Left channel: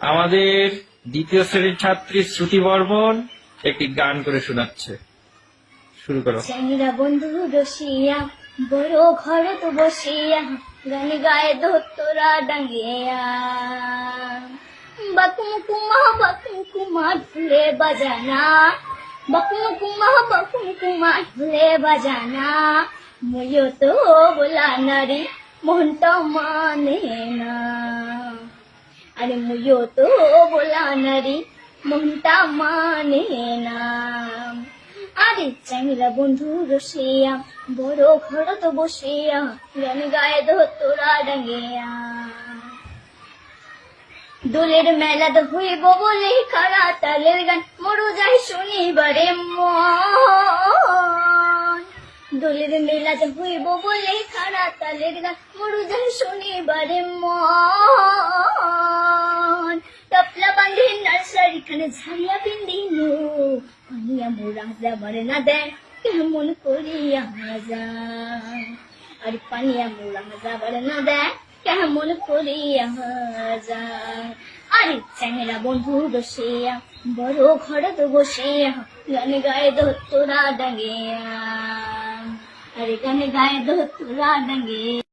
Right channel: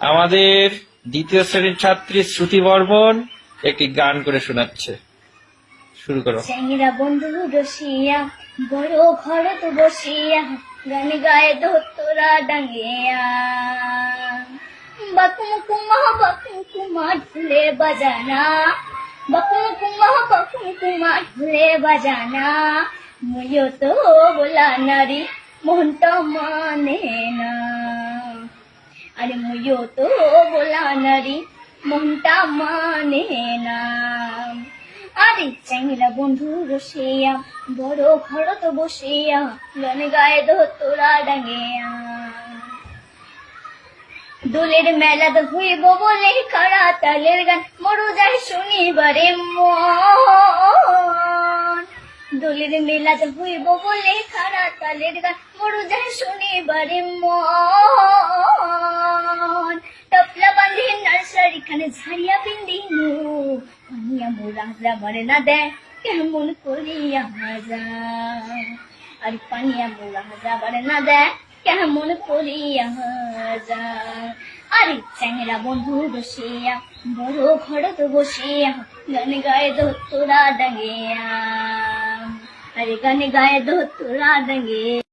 আমাদের দ্বিতীয় শ্রেণির ছাত্রী শ্রুতি বর্মন একটি গান করে শোনাচ্ছে। শুরু করো। চ্যাংরা বন্ধু রসিয়া, বড় ঘর তো বসিয়া, গান গায়ে ধোতরা ডাঙ্গিয়া। বাকুম কুমা বাকুম কুমা ঢুলে বাজানা। বাকুম কুমা বাকুম কুমা ঢুলে বাজানা। মুয়ো তো বলা নারী মনটা মানে না। আরে মুয়ো তো বলা নারী, মনটা মানে না। আরে চ্যাংরা বন্ধু রসিয়া, বড় ঘর তো বসিয়া, গান গায়ে ধোতরা ডাঙ্গিয়া। দোলের তো হইব বলে কারা তালের গান, মরু যায় শনিবারে মন। দোলের মেলা তো হইব বলে কারা তালের গান, মরু যায় শনিবারে মন। খানে ঝাড়িয়া পিন্দিনু পানিয়া মোরা যাবার না দেয় কেমন করিয়া যায় আর পানিয়া মোরা যাবার না দেয় কেমন করিয়া যায় আরে চ্যাংরা বন্ধু বসিয়া, বড় ঘর তো বসিয়া, গান গায়ে ধোতরা ডাঙ্গিয়া আরে গান গায়ে ধোতরা ডাঙ্গিয়া